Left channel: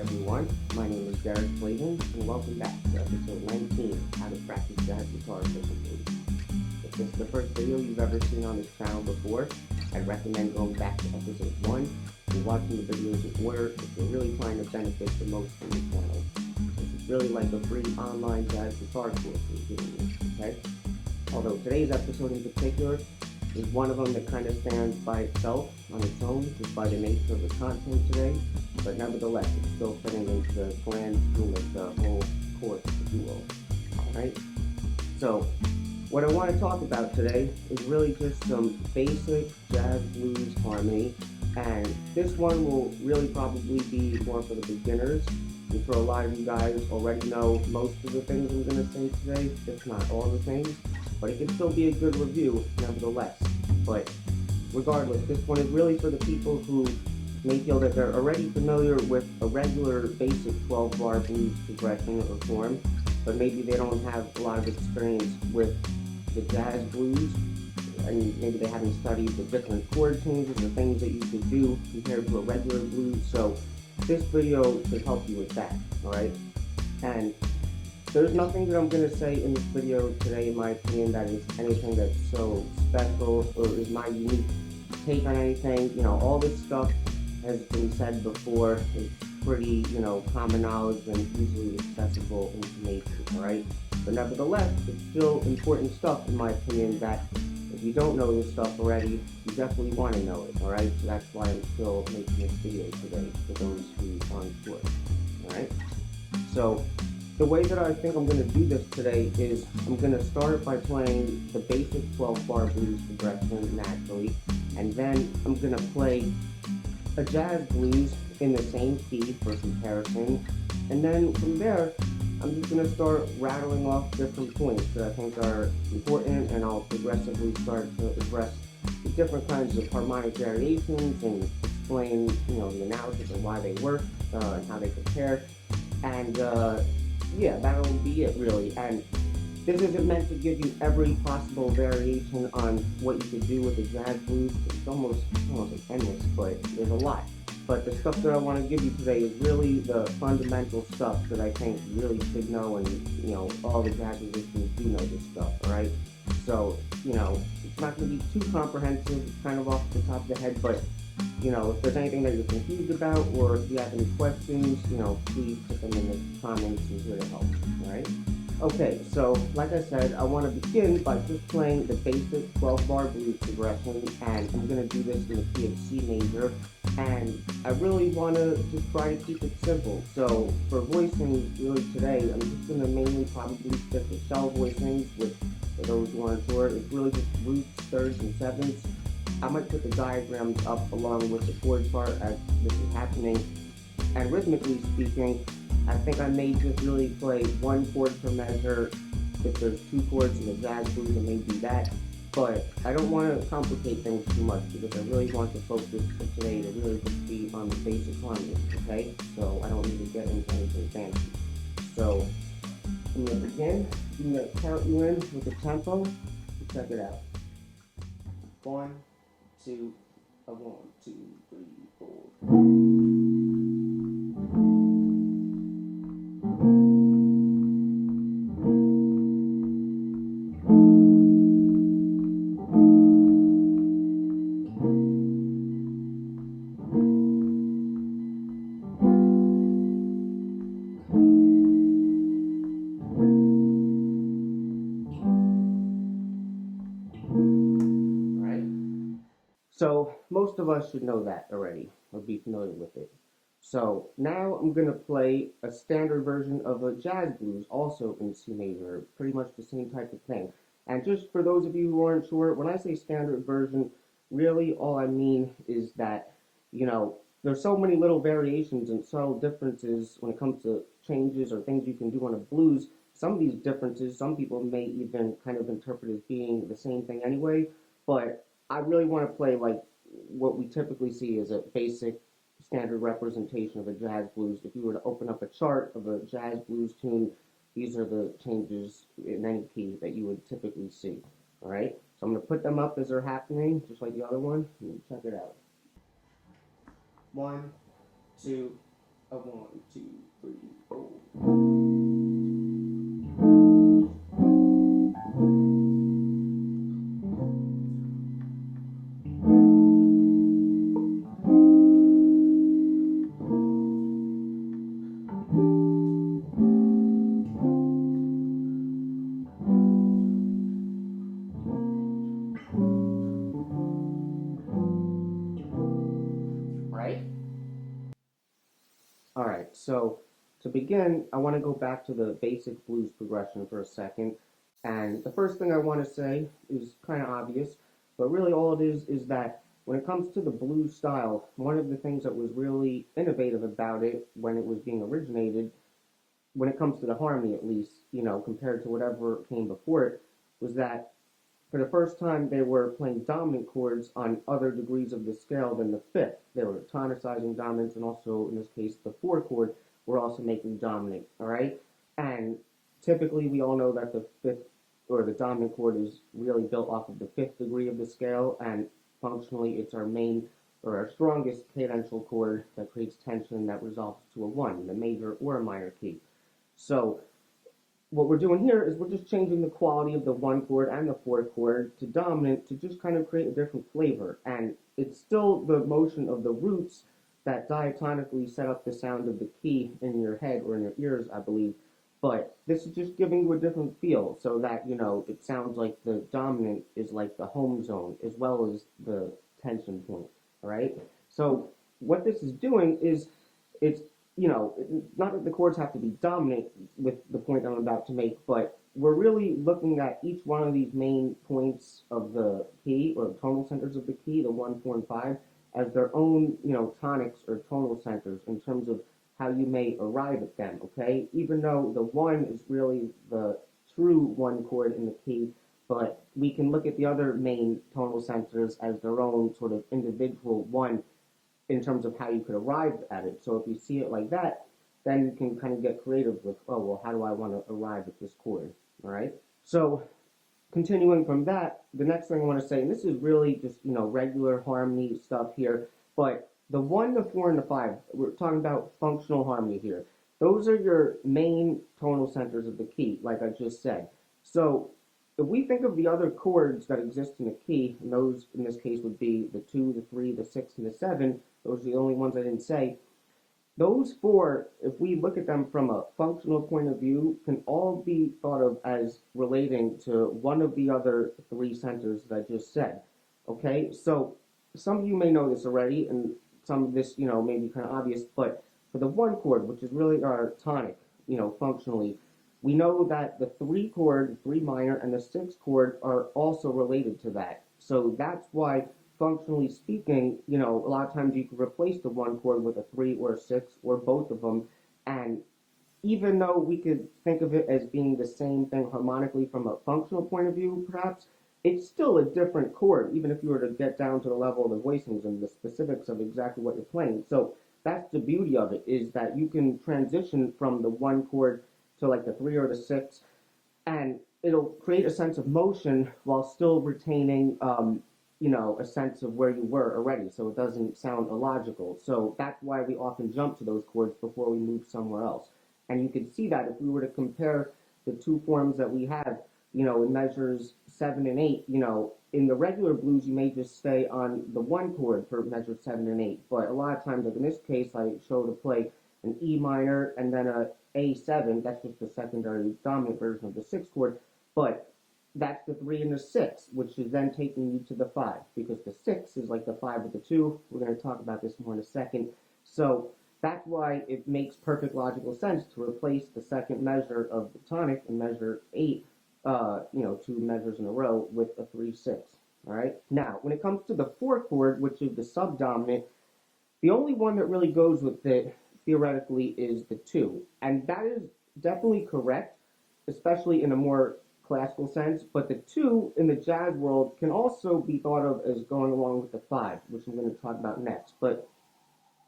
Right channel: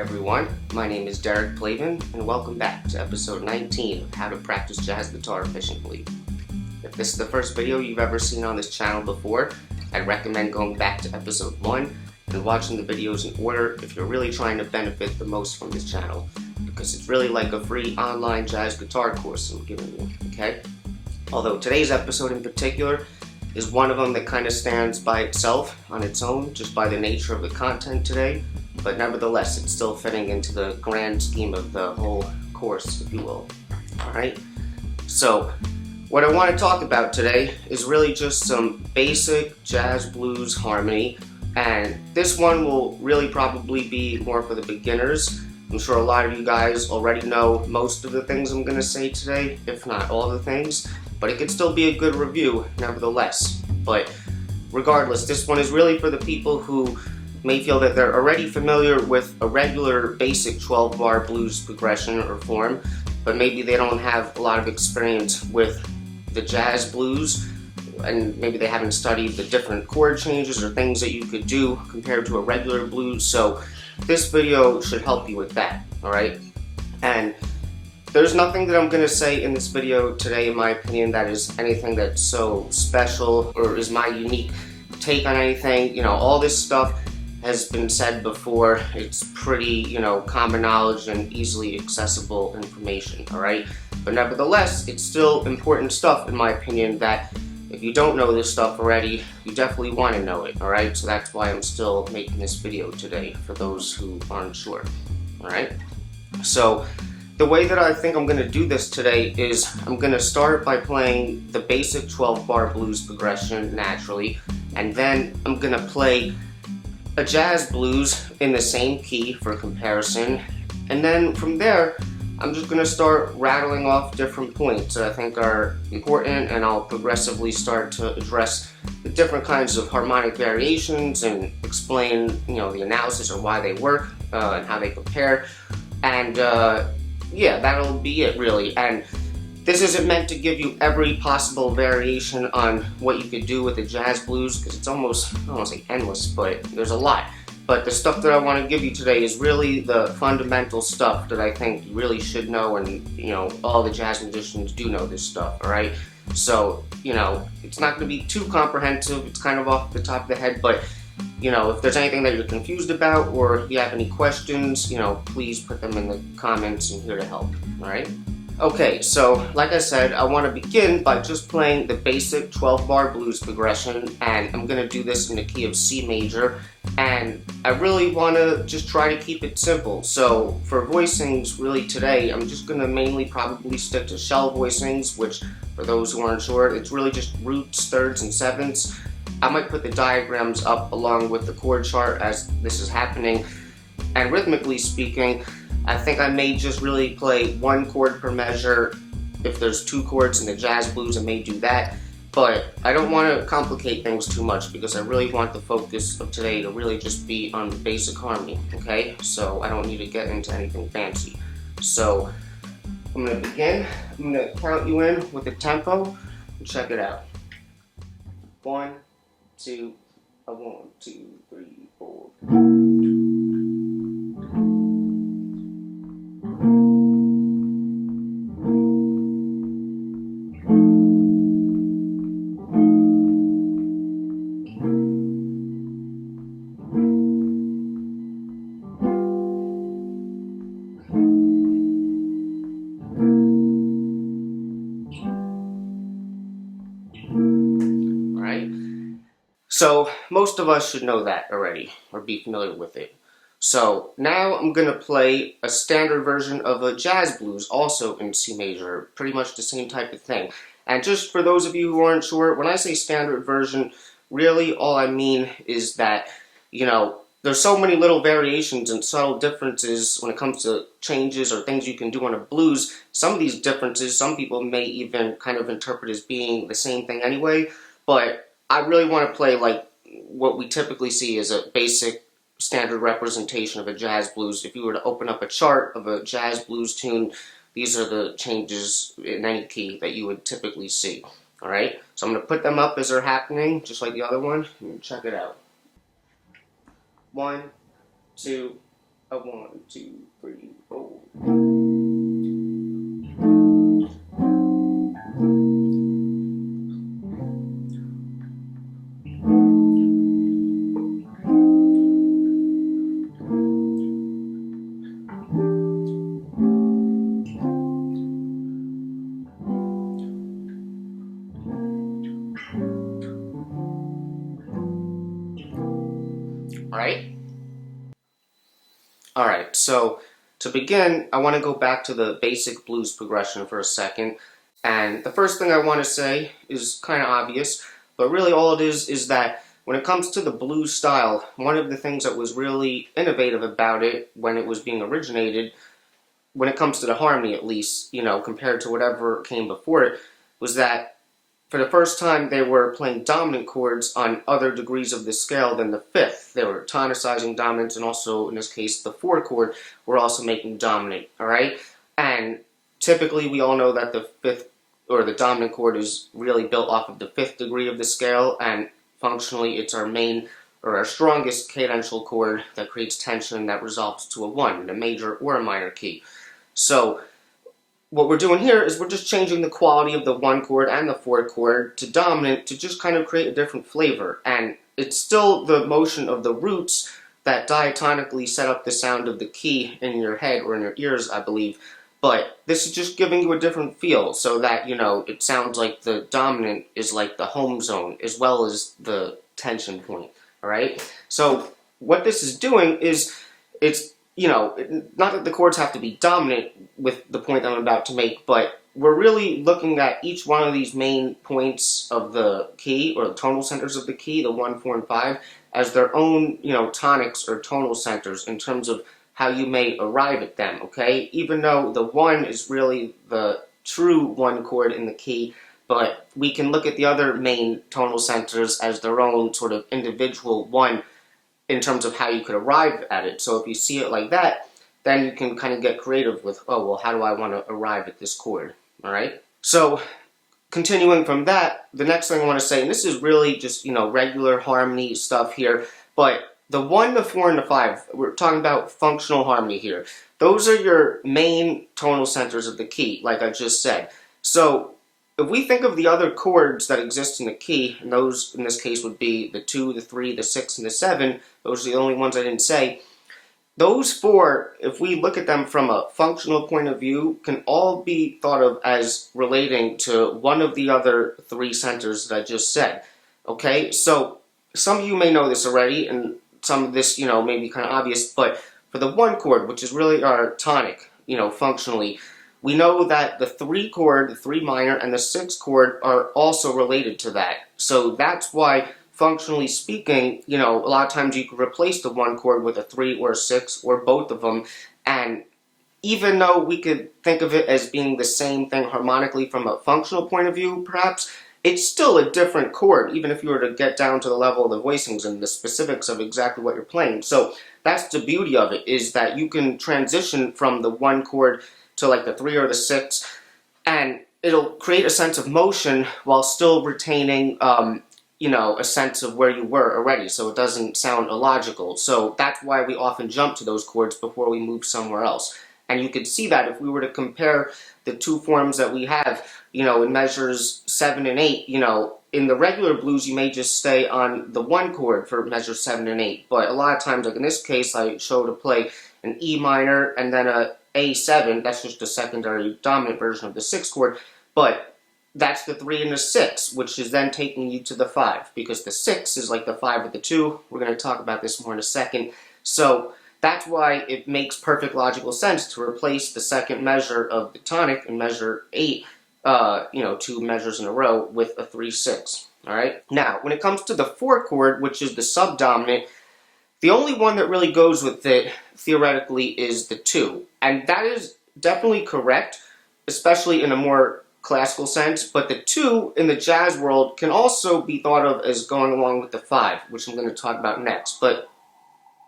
everyone, my name is Derek Plavin, and welcome back to episode 19 of How to Practice Jazz Guitar Efficiently. If this is the first video you've ever seen on this channel before, I'd recommend going back to episode 1 and watching the videos in order if you're really trying to benefit the most from this channel, because it's really like a free online jazz guitar course I'm giving you, okay? Although today's episode in particular is one of them that kind of stands by itself on its own, just by the nature of the content today, but nevertheless it's still fitting into the grand scheme of the whole course, if you will. Alright, so what I want to talk about today is really just some basic jazz blues harmony, and this one will really probably be more for the beginners. I'm sure a lot of you guys already know most of the things I'm going to say today, if not all the things, but it could still be a good review nevertheless. But regardless, this one is really for the people who may feel that they're already familiar with a regular basic 12-bar blues progression or form, but maybe they don't have a lot of experience with the jazz blues, and maybe they haven't studied the different chord changes or things that you could do compared to a regular blues. So this video should help you with that, alright? And there's nothing that I'm going to say in this video today, in my opinion, that is anything that's so special or is my unique take on anything. You know, all this stuff has been said before. It's pretty, common knowledge and easily accessible information, alright? But nevertheless, it's still important stuff, in my opinion, that if you don't know this stuff already, you definitely want to know it, alright? So that's why I'm still making this video today, for those who aren't sure, alright? So the way that I think I'm going to do this today is I'm going to start by playing the basic 12-bar blues progression naturally, and then I'm going to play a jazz blues in the same key for comparison, and then from there I'm just going to start rattling off different points that I think are important, and I'll progressively start to address the different kinds of harmonic variations and explain, the analysis of why they work and how they compare, and yeah, that'll be it really. And this isn't meant to give you every possible variation on what you could do with the jazz blues, because it's almost, I don't want to say endless, but there's a lot. But the stuff that I want to give you today is really the fundamental stuff that I think you really should know, and all the jazz musicians do know this stuff, alright? So, it's not going to be too comprehensive, it's kind of off the top of the head, but if there's anything that you're confused about, or if you have any questions, please put them in the comments. I'm here to help, alright? Okay, so like I said, I want to begin by just playing the basic 12-bar blues progression, and I'm going to do this in the key of C major, and I really want to just try to keep it simple. So for voicings, really today, I'm just going to mainly probably stick to shell voicings, which for those who aren't sure, it's really just roots, thirds, and sevenths. I might put the diagrams up along with the chord chart as this is happening, and rhythmically speaking, I think I may just really play one chord per measure. If there's two chords in the jazz blues, I may do that, but I don't want to complicate things too much because I really want the focus of today to really just be on basic harmony, okay? So I don't need to get into anything fancy. So I'm going to begin. I'm going to count you in with the tempo and check it out. 1, 2, 1, 2, 3, 4. So most of us should know that already, or be familiar with it. So now I'm going to play a standard version of a jazz blues, also in C major, pretty much the same type of thing. And just for those of you who aren't sure, when I say standard version, really all I mean is that, there's so many little variations and subtle differences when it comes to changes or things you can do on a blues. Some of these differences, some people may even kind of interpret as being the same thing anyway, but I really want to play like what we typically see as a basic standard representation of a jazz blues. If you were to open up a chart of a jazz blues tune, these are the changes in any key that you would typically see. Alright, so I'm going to put them up as they're happening, just like the other one, and check it out. 1, 2, A 1, 2, 3, 4. Right? Alright, so to begin, I want to go back to the basic blues progression for a second. And the first thing I want to say is kind of obvious, but really all it is that when it comes to the blues style, one of the things that was really innovative about it when it was being originated, when it comes to the harmony at least, compared to whatever came before it, was that for the first time, they were playing dominant chords on other degrees of the scale than the fifth. They were tonicizing dominant, and also, in this case, the four chord were also making dominant, all right? And typically, we all know that the fifth, or the dominant chord, is really built off of the fifth degree of the scale, and functionally, it's our main, or our strongest cadential chord that creates tension that resolves to a 1 in a major or a minor key. So, what we're doing here is we're just changing the quality of the 1 chord and the 4 chord to dominant to just kind of create a different flavor. And it's still the motion of the roots that diatonically set up the sound of the key in your head or in your ears, I believe. But this is just giving you a different feel so that, it sounds like the dominant is like the home zone as well as the tension point, all right? So what this is doing is it's not that the chords have to be dominant with the point I'm about to make, but we're really looking at each one of these main points of the key, or the tonal centers of the key, the 1, 4, and 5, as their own, tonics or tonal centers in terms of how you may arrive at them, okay? Even though the 1 is really the true 1 chord in the key, but we can look at the other main tonal centers as their own sort of individual 1 in terms of how you could arrive at it. So if you see it like that, then you can kind of get creative with, oh, well, how do I want to arrive at this chord, all right? So continuing from that, the next thing I want to say, and this is really just, regular harmony stuff here, but the 1, the 4, and the 5, we're talking about functional harmony here. Those are your main tonal centers of the key, like I just said. So if we think of the other chords that exist in the key, and those in this case would be the 2, the 3, the 6, and the 7, those are the only ones I didn't say. Those 4, if we look at them from a functional point of view, can all be thought of as relating to one of the other 3 centers that I just said. Okay, so some of you may know this already, and some of this, may be kind of obvious, but for the 1 chord, which is really our tonic, functionally, we know that the 3 chord, the 3 minor, and the 6 chord are also related to that. So that's why, functionally speaking, a lot of times you could replace the 1 chord with a 3 or a 6 or both of them, and even though we could think of it as being the same thing harmonically from a functional point of view, perhaps, it's still a different chord, even if you were to get down to the level of the voicings and the specifics of exactly what you're playing. So that's the beauty of it, is that you can transition from the 1 chord to like the 3 or the 6, and it'll create a sense of motion while still retaining a sense of where you were already, so it doesn't sound illogical. So that's why we often jump to those chords before we move somewhere else. And you could see that if we were to compare the 2 forms that we have, in measures 7 and 8, in the regular blues you may just stay on the 1 chord for measures 7 and 8, but a lot of times, like in this case, I show to play an E minor and then a A7, that's just a secondary dominant version of the 6 chord, but that's the 3 and the 6, which is then taking you to the 5, because the 6 is like the 5 with the 2. We're going to talk about this more in a second. So that's why it makes perfect logical sense to replace the second measure of the tonic in measure 8, 2 measures in a row, with a 3-6. All right. Now, when it comes to the 4 chord, which is the subdominant, the only one that really goes with it, theoretically, is the 2. And that is definitely correct, especially in a more classical sense, but the 2 in the jazz world can also be thought of as going along with the 5, which I'm going to talk about next. But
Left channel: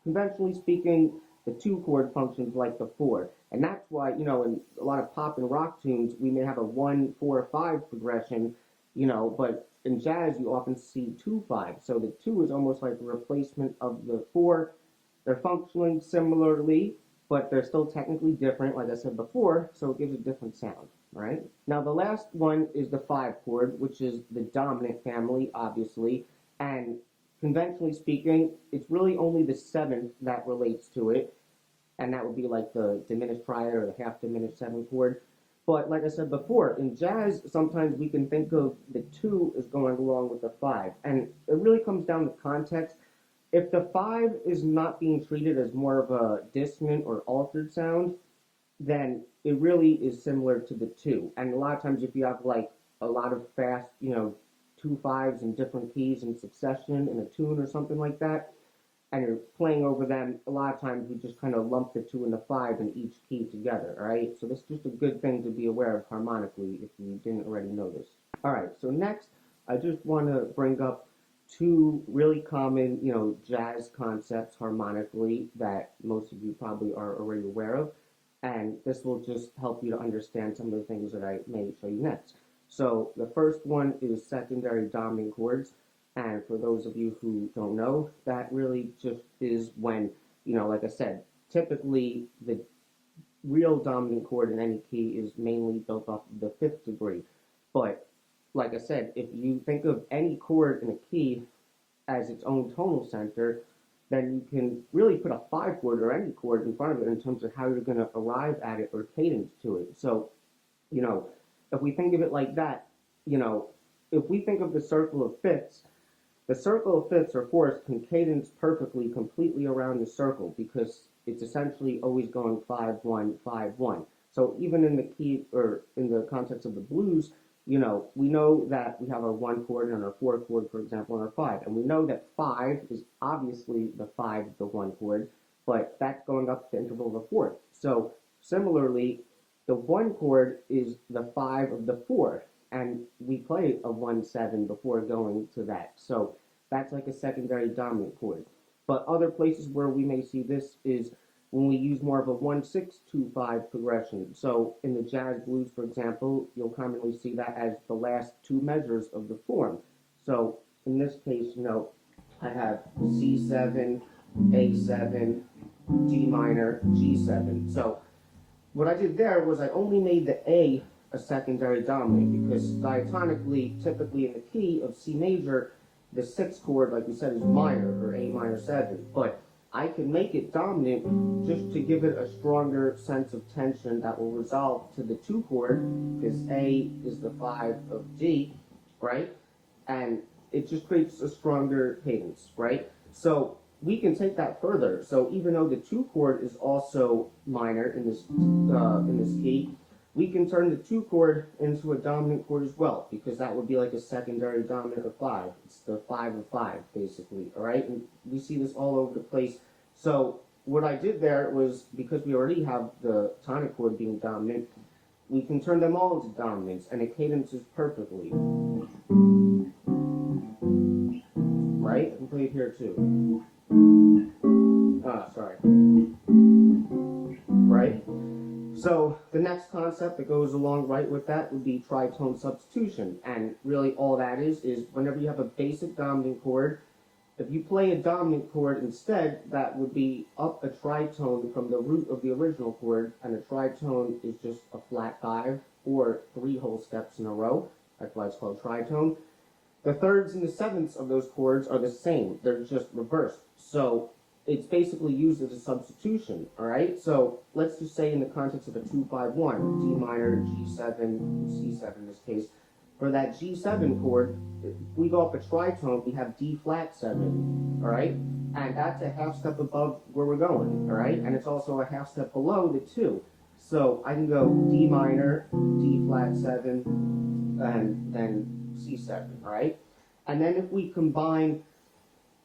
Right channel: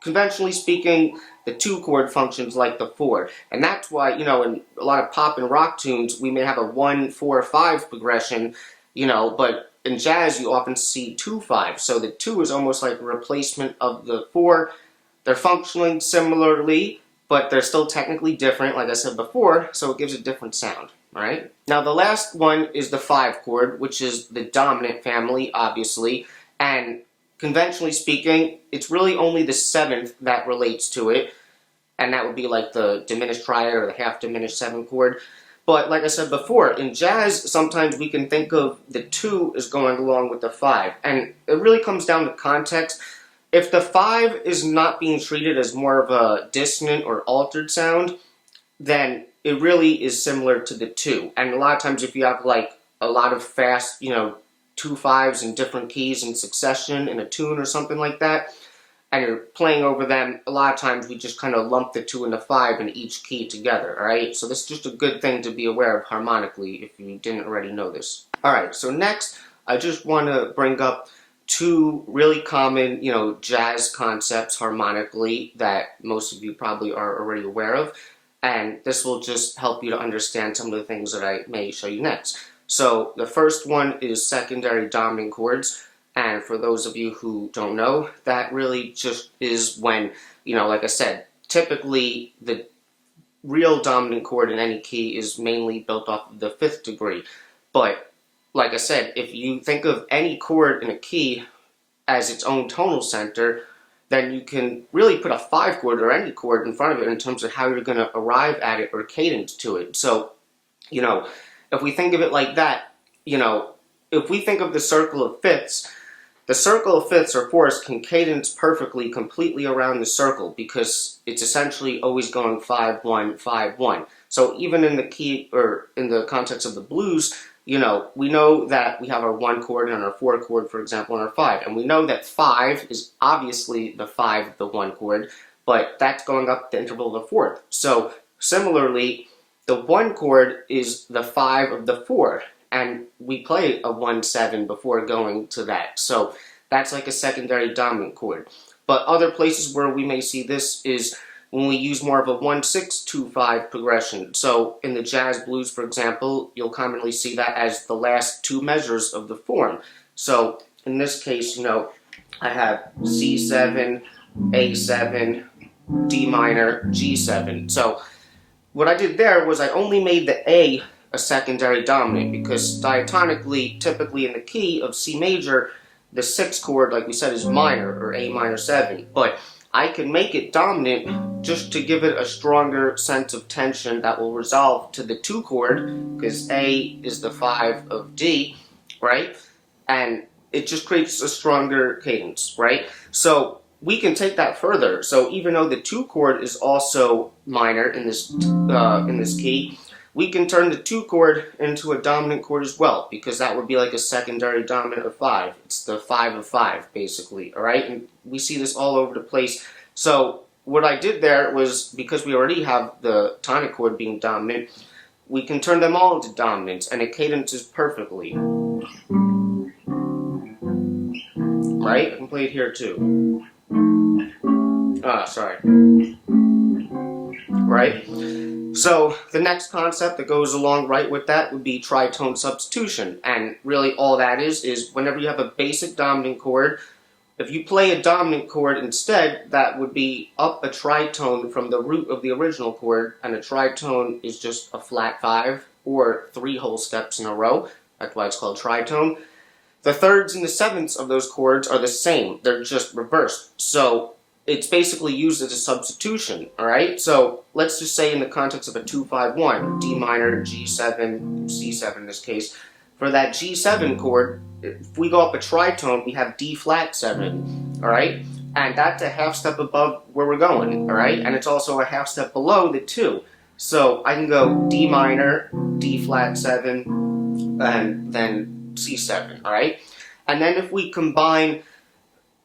conventionally speaking, the 2 chord functions like the 4. And that's why, in a lot of pop and rock tunes, we may have a 1-4-5 progression, but in jazz you often see 2-5. So the 2 is almost like a replacement of the 4, they're functioning similarly, but they're still technically different, like I said before, so it gives a different sound. All right. Now the last one is the 5 chord, which is the dominant family, obviously, and conventionally speaking, it's really only the 7th that relates to it, and that would be like the diminished triad or the half diminished 7 chord. But like I said before, in jazz, sometimes we can think of the 2 as going along with the 5, and it really comes down to context. If the 5 is not being treated as more of a dissonant or altered sound, then it really is similar to the 2. And a lot of times if you have like a lot of fast, 2 5s in different keys in succession in a tune or something like that, and you're playing over them, a lot of times we just kind of lump the 2 and the 5 in each key together, alright? So this is just a good thing to be aware of harmonically if you didn't already know this. Alright, so next I just want to bring up 2 really common, jazz concepts harmonically that most of you probably are already aware of, and this will just help you to understand some of the things that I may show you next. So the first one is secondary dominant chords. And for those of you who don't know, that really just is when, like I said, typically the real dominant chord in any key is mainly built off of the 5th degree. But, like I said, if you think of any chord in a key as its own tonal center, then you can really put a 5 chord or any chord in front of it in terms of how you're going to arrive at it or cadence to it. So, if we think of it like that, if we think of the circle of fifths, the circle of fifths or fourths can cadence perfectly, completely around the circle because it's essentially always going 5-1, 5-1. So even in the key or in the context of the blues, we know that we have our 1 chord and our 4 chord, for example, and our 5. And we know that 5 is obviously the 5 of the 1 chord, but that's going up the interval of the 4th. So similarly, the 1 chord is the 5 of the 4. And we play a 1-7 before going to that. So that's like a secondary dominant chord. But other places where we may see this is when we use more of a 1-6-2-5 progression. So in the jazz blues, for example, you'll commonly see that as the last 2 measures of the form. So in this case, I have C7, A7, D minor, G7. So what I did there was I only made the A secondary dominant because diatonically, typically in the key of C major, the 6th chord, like we said, is minor or A minor 7. But I can make it dominant just to give it a stronger sense of tension that will resolve to the 2 chord because A is the 5 of D, right? And it just creates a stronger cadence, right? So we can take that further. So even though the 2 chord is also minor in this key, we can turn the 2 chord into a dominant chord as well, because that would be like a secondary dominant of 5. It's the 5 of 5, basically, all right? And we see this all over the place. So what I did there was, because we already have the tonic chord being dominant, we can turn them all into dominants, and it cadences perfectly. Right? I can play it here too. Sorry. Right? So the next concept that goes along right with that would be tritone substitution. And really all that is whenever you have a basic dominant chord, if you play a dominant chord instead, that would be up a tritone from the root of the original chord, and a tritone is just a flat 5 or 3 whole steps in a row. That's why it's called tritone. The 3rds and the 7ths of those chords are the same. They're just reversed. So it's basically used as a substitution, alright? So let's just say in the context of a 2-5-1, D minor, G7, C7 in this case, for that G7 chord, if we go up a tritone, we have D flat 7, alright? And that's a half step above where we're going, alright? And it's also a half step below the 2. So I can go D minor, D flat 7, and then C7, alright? And then if we combine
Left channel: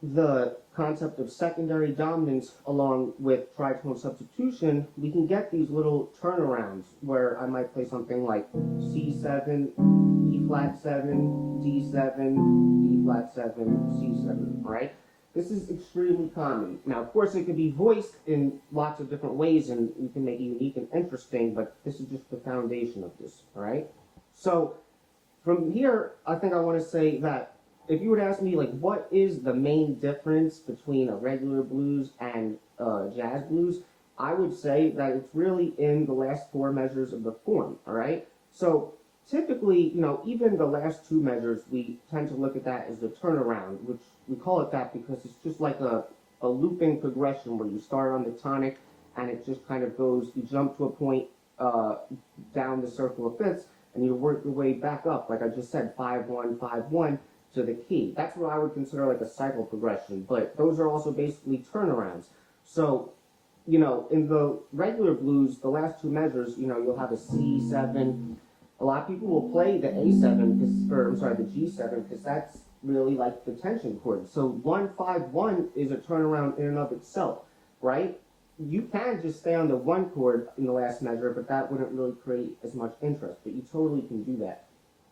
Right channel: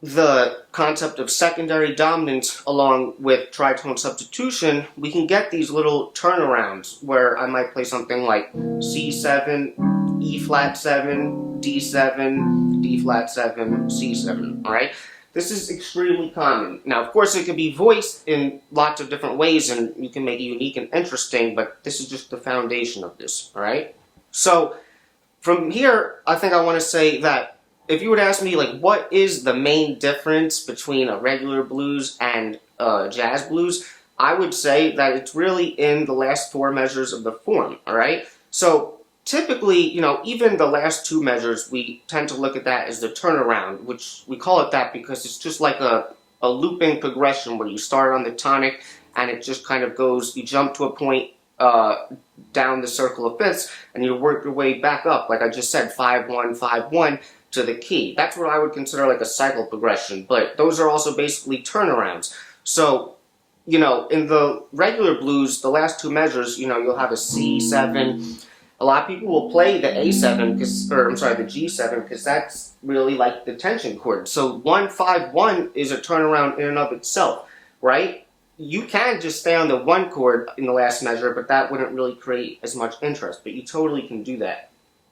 the concept of secondary dominance along with tritone substitution, we can get these little turnarounds where I might play something like C7, E flat 7, D7, D flat 7, C7, alright? This is extremely common. Now, of course, it can be voiced in lots of different ways and you can make it unique and interesting, but this is just the foundation of this, alright? So, from here, I think I want to say that if you would ask me, like, what is the main difference between a regular blues and jazz blues, I would say that it's really in the last four measures of the form, all right? So typically, you know, even the last two measures, we tend to look at that as the turnaround, which we call it that because it's just like a looping progression where you start on the tonic and it just kind of goes, you jump to a point down the circle of fifths and you work your way back up, like I just said, 5-1, 5-1 to the key. That's what I would consider like a cycle progression, but those are also basically turnarounds. So, you know, in the regular blues, the last two measures, you know, you'll have a C7. A lot of people will play the A7, the G7, because that's really like the tension chord. So 1-5-1 is a turnaround in and of itself, right? You can just stay on the one chord in the last measure, but that wouldn't really create as much interest, but you totally can do that.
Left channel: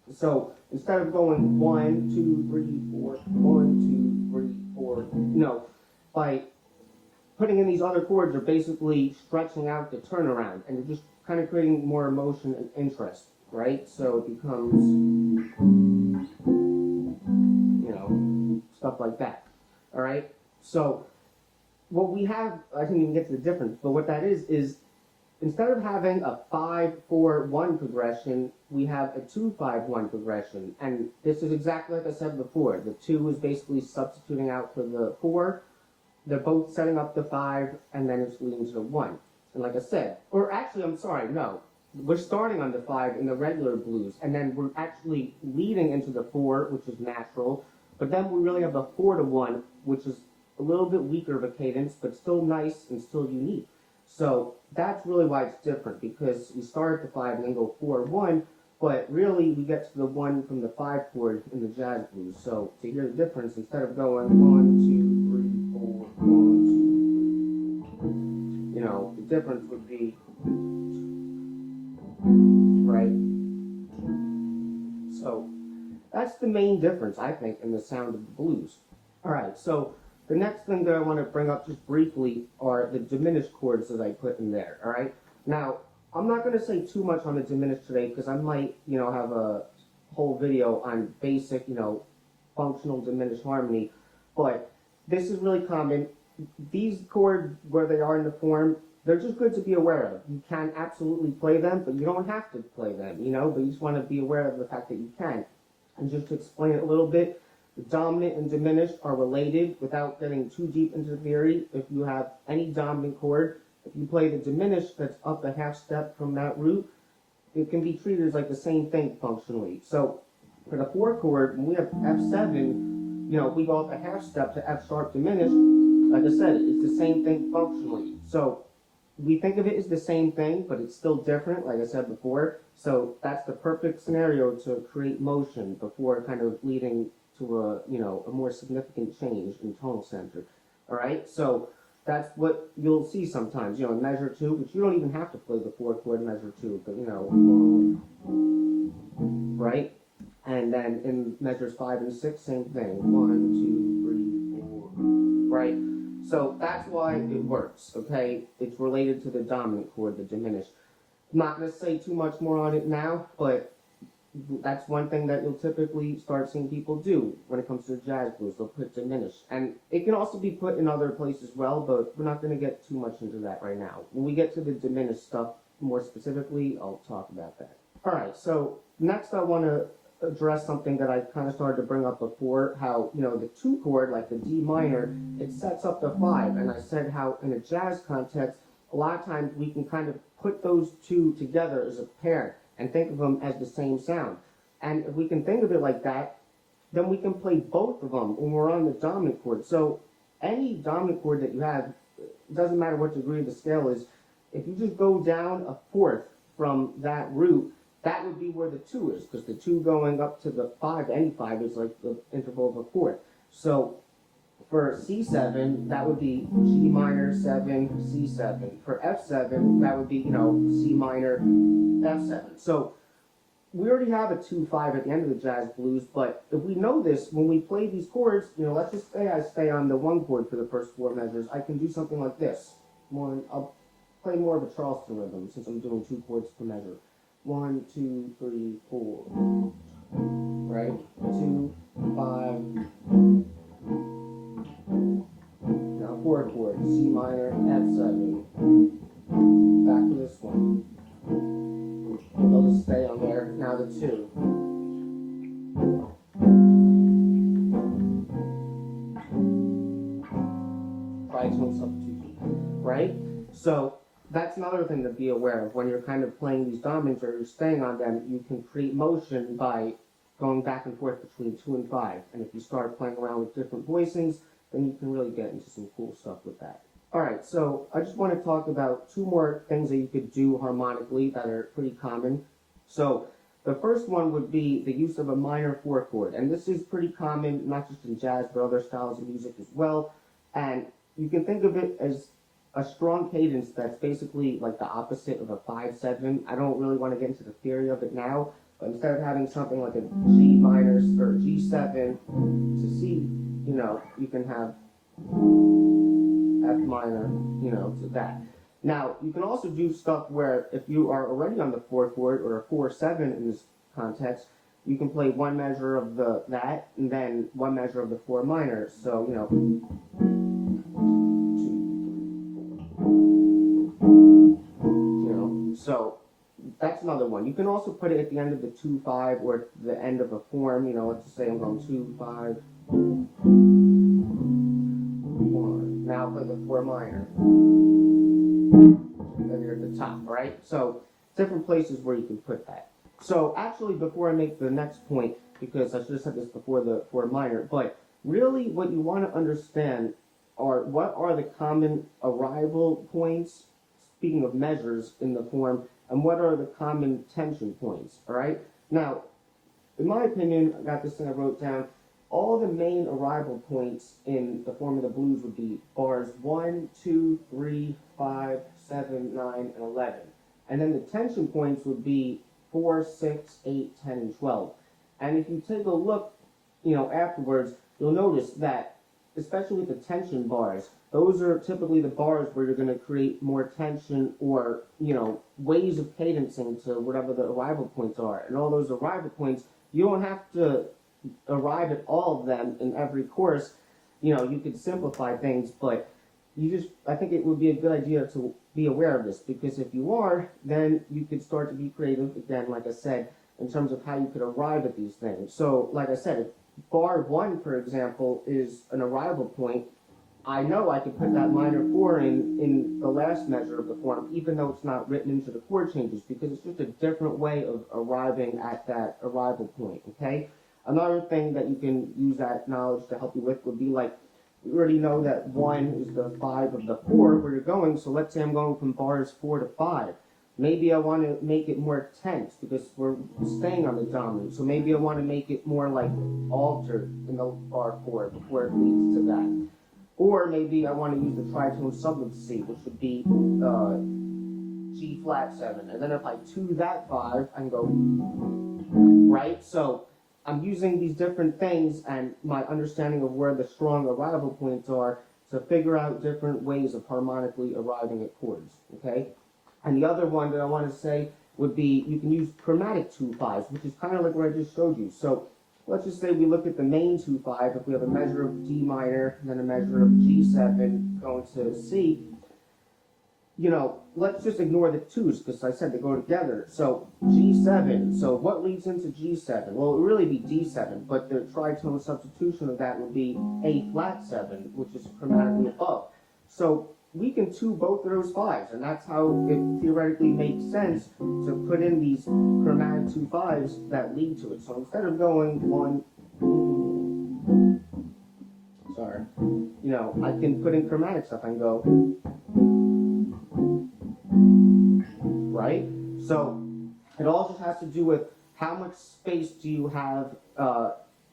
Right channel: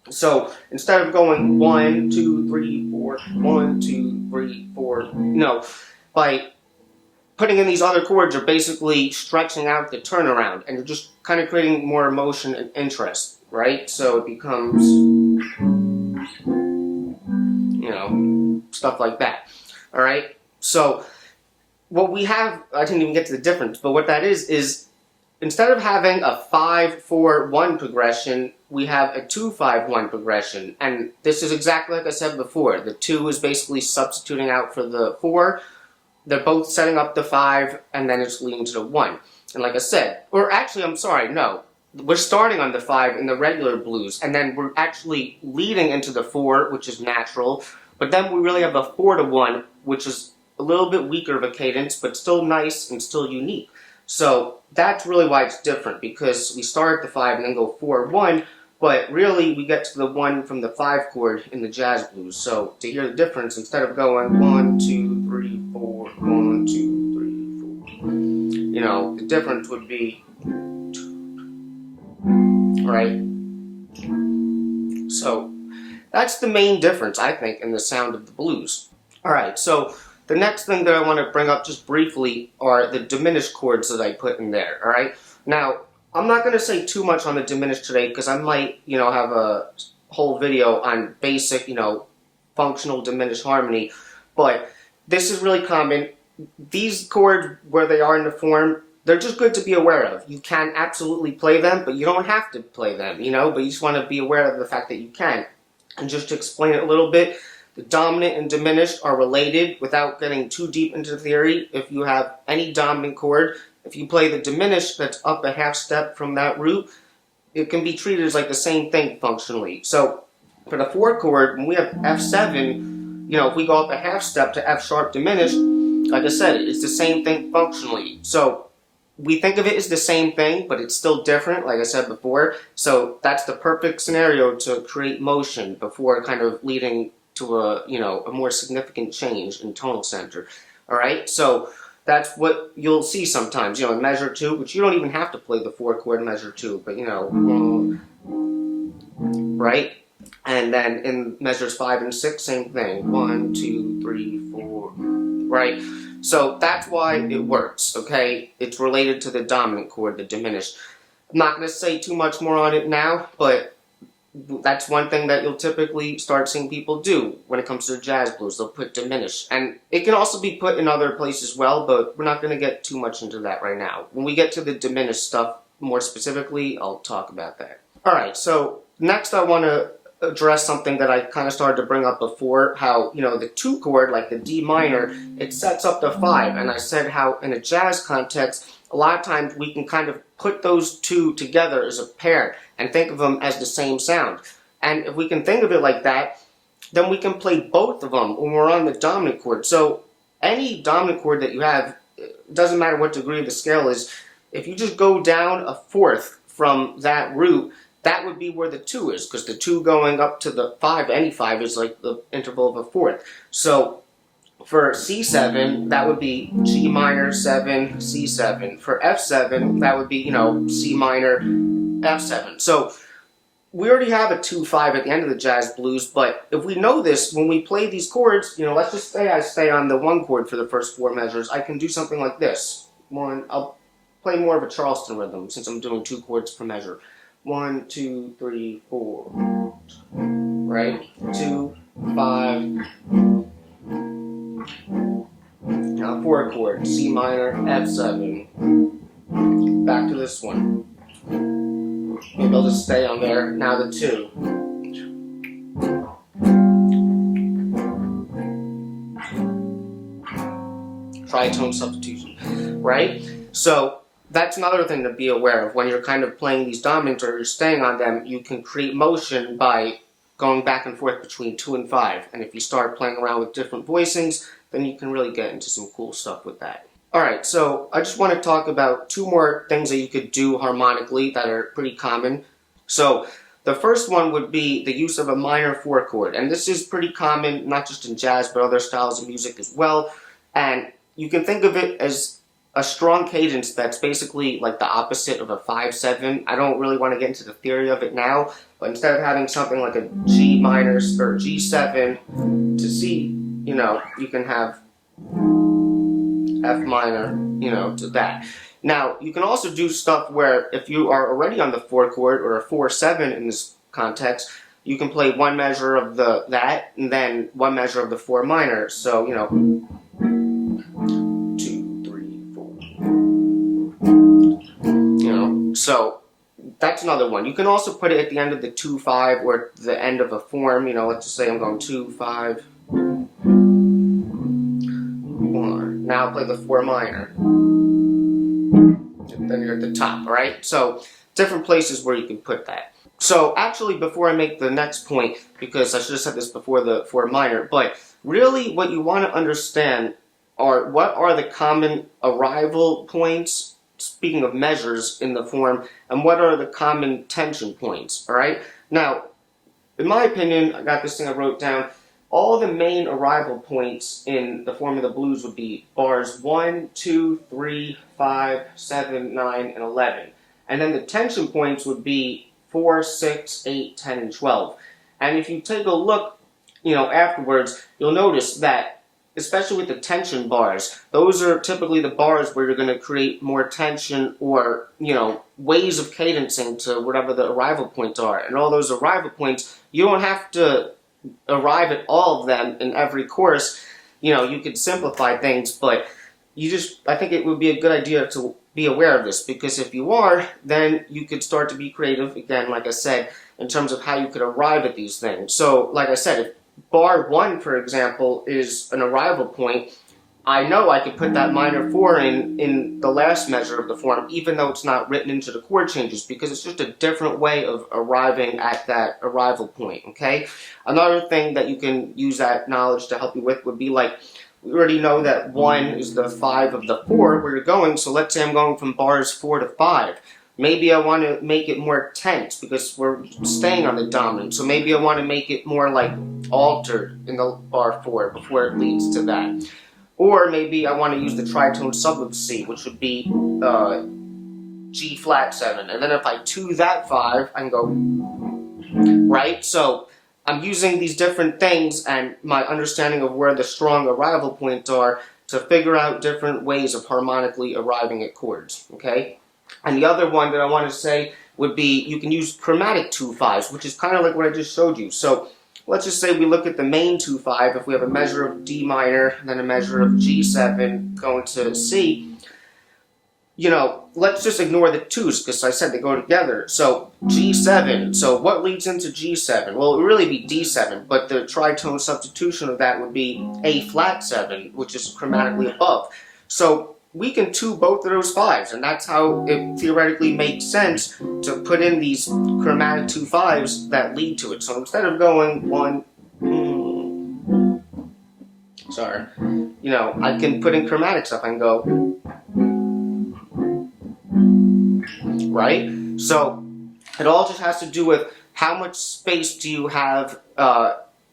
So instead of going 1, 2, 3, 4, 1, 2, 3, 4, no, by putting in these other chords, you're basically stretching out the turnaround, and you're just kind of creating more emotion and interest, right? So it becomes, you know, stuff like that, all right? So what we have, I didn't even get to the difference, but what that is instead of having a 5-4-1 progression, we have a 2-5-1 progression. And this is exactly like I said before. The 2 is basically substituting out for the 4. They're both setting up the 5, and then it's leading to the 1. And like I said, or actually, I'm sorry, no. We're starting on the 5 in the regular blues, and then we're actually leading into the 4, which is natural. But then we really have a 4-1, which is a little bit weaker of a cadence, but still nice and still unique. So that's really why it's different, because we start at the 5 and then go 4-1, but really we get to the 1 from the 5 chord in the jazz blues. So to hear the difference, instead of going 1, 2, 3, 4, 1, 2, 3, 4, you know, the difference would be, right? So that's the main difference, I think, in the sound of the blues. All right, so the next thing that I want to bring up just briefly are the diminished chords that I put in there, all right? Now, I'm not going to say too much on the diminished today because I might, you know, have a whole video on basic, you know, functional diminished harmony, but this is really common. These chords, where they are in the form, they're just good to be aware of. You can absolutely play them, but you don't have to play them, you know, but you just want to be aware of the fact that you can. And just to explain it a little bit, the dominant and diminished are related without getting too deep into the theory. If you have any dominant chord, if you play the diminished that's up a half step from that root, it can be treated as like the same thing functionally. So for the 4 chord, when we have F7, you know, if we go up a half step to F sharp diminished, like I said, it's the same thing functionally. So we think of it as the same thing, but it's still different, like I said before. So that's the perfect scenario to create motion before kind of leading to a, you know, a more significant change in tonal center. All right, so that's what you'll see sometimes, you know, in measure 2, which you don't even have to play the 4 chord measure 2, but you know, right? And then in measures 5 and 6, same thing, 1, 2, 3, 4, right? So that's why it works, okay? It's related to the dominant chord, the diminished. I'm not going to say too much more on it now, but that's one thing that you'll typically start seeing people do when it comes to the jazz blues. They'll put diminished. And it can also be put in other places as well, but we're not going to get too much into that right now. When we get to the diminished stuff more specifically, I'll talk about that. Alright, so next I want to address something that I kind of started to bring up before, how, you know, the 2 chord, like the D minor, it sets up the 5. And I said how in a jazz context, a lot of times we can kind of put those 2 together as a pair and think of them as the same sound. And if we can think of it like that, then we can play both of them when we're on the dominant chord. So any dominant chord that you have, it doesn't matter what degree of the scale is, if you just go down a 4th from that root, that would be where the 2 is, because the 2 going up to the 5, any 5, is like the interval of a 4th. So for C7, that would be G minor, 7, C7. For F7, that would be, you know, C minor, F7. So we already have a 2-5 at the end of the jazz blues, but if we know this, when we play these chords, you know, let's just say I stay on the 1 chord for the first 4 measures, I can do something like this. I'll play more of a Charleston rhythm since I'm doing 2 chords per measure. 1, 2, 3, 4, right? 2, 5. Now 4 chord, C minor, F7. Back to this one. Maybe I'll just stay on there. Now the 2. Tritone substitution, right? So that's another thing to be aware of. When you're kind of playing these dominants or you're staying on them, you can create motion by going back and forth between 2 and 5. And if you start playing around with different voicings, then you can really get into some cool stuff with that. Alright, so I just want to talk about 2 more things that you could do harmonically that are pretty common. So the first one would be the use of a minor 4 chord. And this is pretty common, not just in jazz, but other styles of music as well. And you can think of it as a strong cadence that's basically like the opposite of a 5-7. I don't really want to get into the theory of it now, but instead of having something like a G minor or G7 to C, you know, you can have F minor, you know, to that. Now, you can also do stuff where if you are already on the 4 chord or a 4-7 in this context, you can play one measure of that and then one measure of the 4 minor. So, you know, 2, 3, 4. You know, so that's another one. You can also put it at the end of the 2-5 or the end of a form. You know, let's just say I'm going 2-5. 1. Now play the 4 minor. And then you're at the top, right? So different places where you can put that. So actually, before I make the next point, because I should have said this before the 4 minor, but really what you want to understand are what are the common arrival points, speaking of measures in the form, and what are the common tension points, all right? Now, in my opinion, I got this thing I wrote down, all the main arrival points in the form of the blues would be bars 1, 2, 3, 5, 7, 9, and 11. And then the tension points would be 4, 6, 8, 10, and 12. And if you take a look, you know, afterwards, you'll notice that, especially with the tension bars, those are typically the bars where you're going to create more tension or, you know, ways of cadencing to whatever the arrival points are. And all those arrival points, you don't have to arrive at all of them in every course. You know, you could simplify things, but I think it would be a good idea to be aware of this, because if you are, then you could start to be creative, again, like I said, in terms of how you could arrive at these things. So, like I said, if bar 1, for example, is an arrival point, I know I could put that minor 4 in the last measure of the form, even though it's not written into the chord changes, because it's just a different way of arriving at that arrival point, okay? Another thing that you can use that knowledge to help you with would be like, we already know that 1 is the 5 of the 4 where you're going, so let's say I'm going from bars 4 to 5. Maybe I want to make it more tense because we're staying on the dominant, so maybe I want to make it more like altered in the bar 4 before it leads to that. Or maybe I want to use the tritone sub of C, which would be G flat 7. And then if I 2 that 5, I can go, right? So I'm using these different things and my understanding of where the strong arrival points are to figure out different ways of harmonically arriving at chords, okay? And the other one that I want to say would be you can use chromatic 2-5s, which is kind of like what I just showed you. So let's just say we look at the main 2-5, if we have a measure of D minor, and then a measure of G7 going to C, you know, let's just ignore the 2s, because I said they go together. So G7, so what leads into G7? Well, it would really be D7, but the tritone substitution of that would be A flat 7, which is chromatically above. So we can 2 both of those 5s, and that's how it theoretically makes sense to put in these chromatic 2-5s that lead to it. So instead of going 1, you know, I can put in chromatic stuff. I can go, right? So it all just has to do with how much space do you have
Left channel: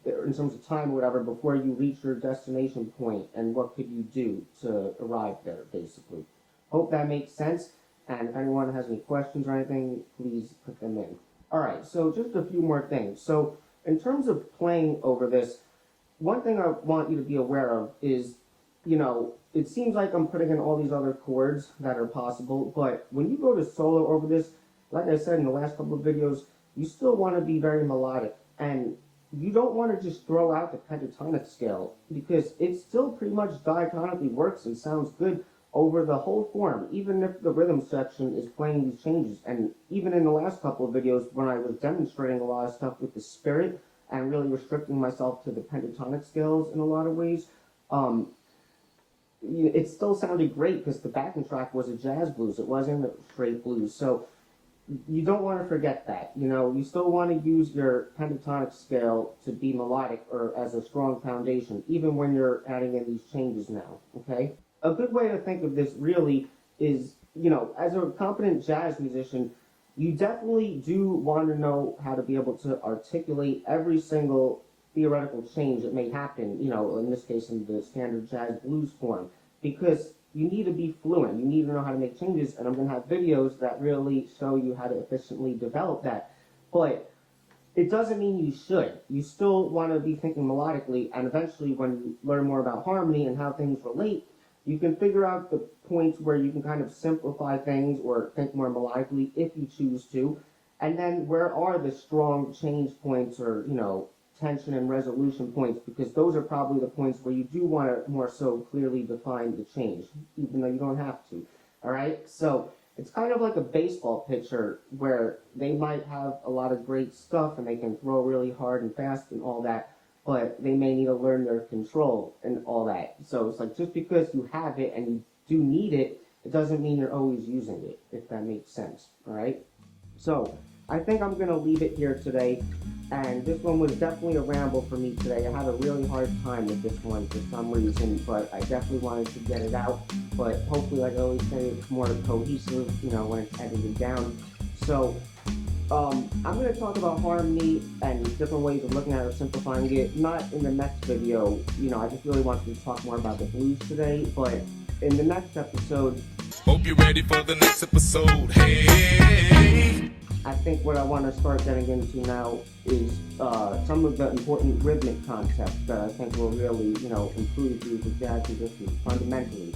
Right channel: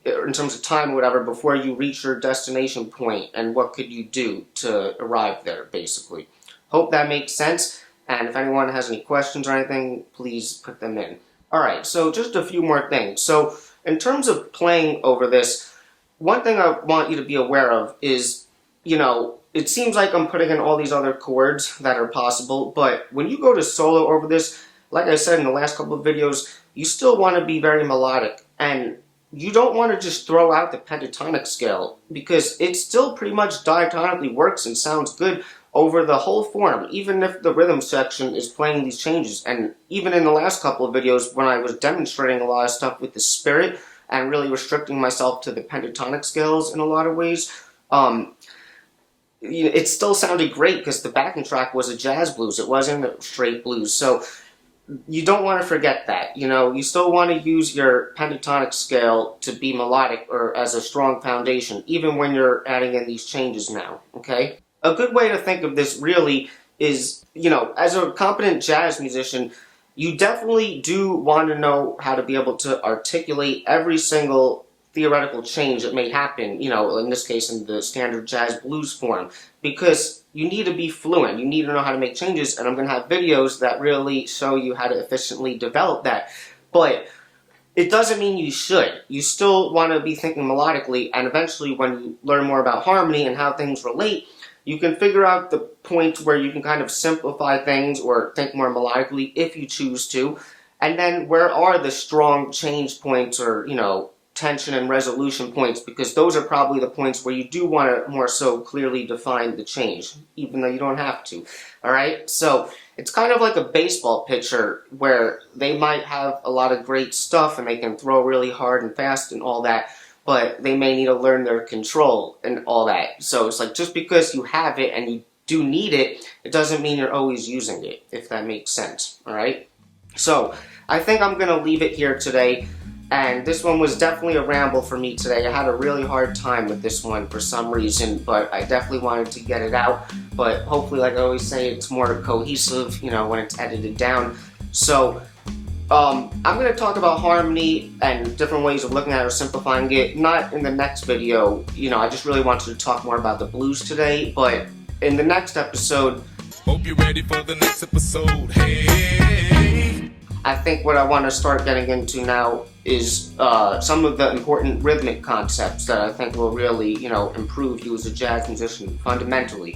in terms of time or whatever before you reach your destination point, and what could you do to arrive there, basically. Hope that makes sense, and if anyone has any questions or anything, please put them in. Alright, so just a few more things. So in terms of playing over this, one thing I want you to be aware of is, you know, it seems like I'm putting in all these other chords that are possible, but when you go to solo over this, like I said in the last couple of videos, you still want to be very melodic. And you don't want to just throw out the pentatonic scale, because it still pretty much diatonically works and sounds good over the whole form, even if the rhythm section is playing these changes. And even in the last couple of videos, when I was demonstrating a lot of stuff with the spirit and really restricting myself to the pentatonic scales in a lot of ways, it still sounded great because the backing track was a jazz blues. It wasn't a straight blues. So you don't want to forget that. You still want to use your pentatonic scale to be melodic or as a strong foundation, even when you're adding in these changes now, okay? A good way to think of this really is, as a competent jazz musician, you definitely do want to know how to be able to articulate every single theoretical change that may happen, in this case in the standard jazz blues form, because you need to be fluent. You need to know how to make changes, and I'm going to have videos that really show you how to efficiently develop that. But it doesn't mean you should. You still want to be thinking melodically, and eventually when you learn more about harmony and how things relate, you can figure out the points where you can kind of simplify things or think more melodically if you choose to. And then where are the strong change points or, tension and resolution points, because those are probably the points where you do want to more so clearly define the change, even though you don't have to. Alright? So it's kind of like a baseball pitcher where they might have a lot of great stuff and they can throw really hard and fast and all that, but they may need to learn their control and all that. So it's like, just because you have it and you do need it, it doesn't mean you're always using it, if that makes sense. Alright? So I think I'm going to leave it here today. And this one was definitely a ramble for me today. I had a really hard time with this one for some reason, but I definitely wanted to get it out. But hopefully, like I always say, it's more cohesive, when it's edited down. So, I'm going to talk about harmony and different ways of looking at it or simplifying it. Not in the next video. I just really wanted to talk more about the blues today. But in the next episode... Hope you're ready for the next episode. Hey! I think what I want to start getting into now is some of the important rhythmic concepts that I think will really, improve you as a jazz musician fundamentally.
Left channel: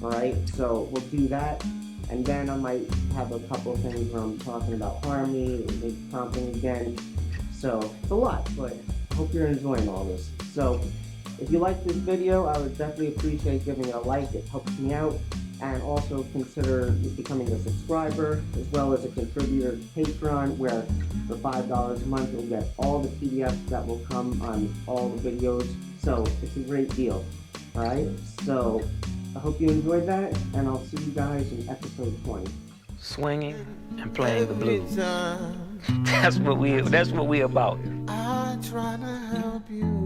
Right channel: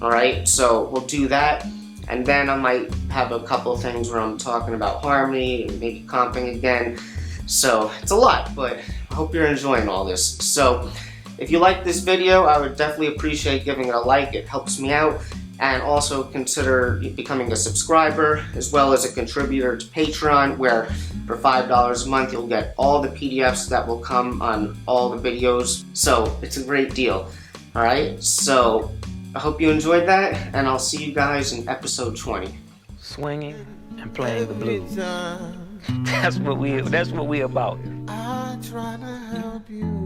Alright, so we'll do that, and then I might have a couple of things where I'm talking about harmony and maybe comping again. So it's a lot, but I hope you're enjoying all this. So if you like this video, I would definitely appreciate giving it a like. It helps me out. And also consider becoming a subscriber as well as a contributor to Patreon, where for $5 a month you'll get all the PDFs that will come on all the videos. So it's a great deal. Alright, so I hope you enjoyed that, and I'll see you guys in episode 20. Swinging and playing the blues. That's what we about. I try to help you.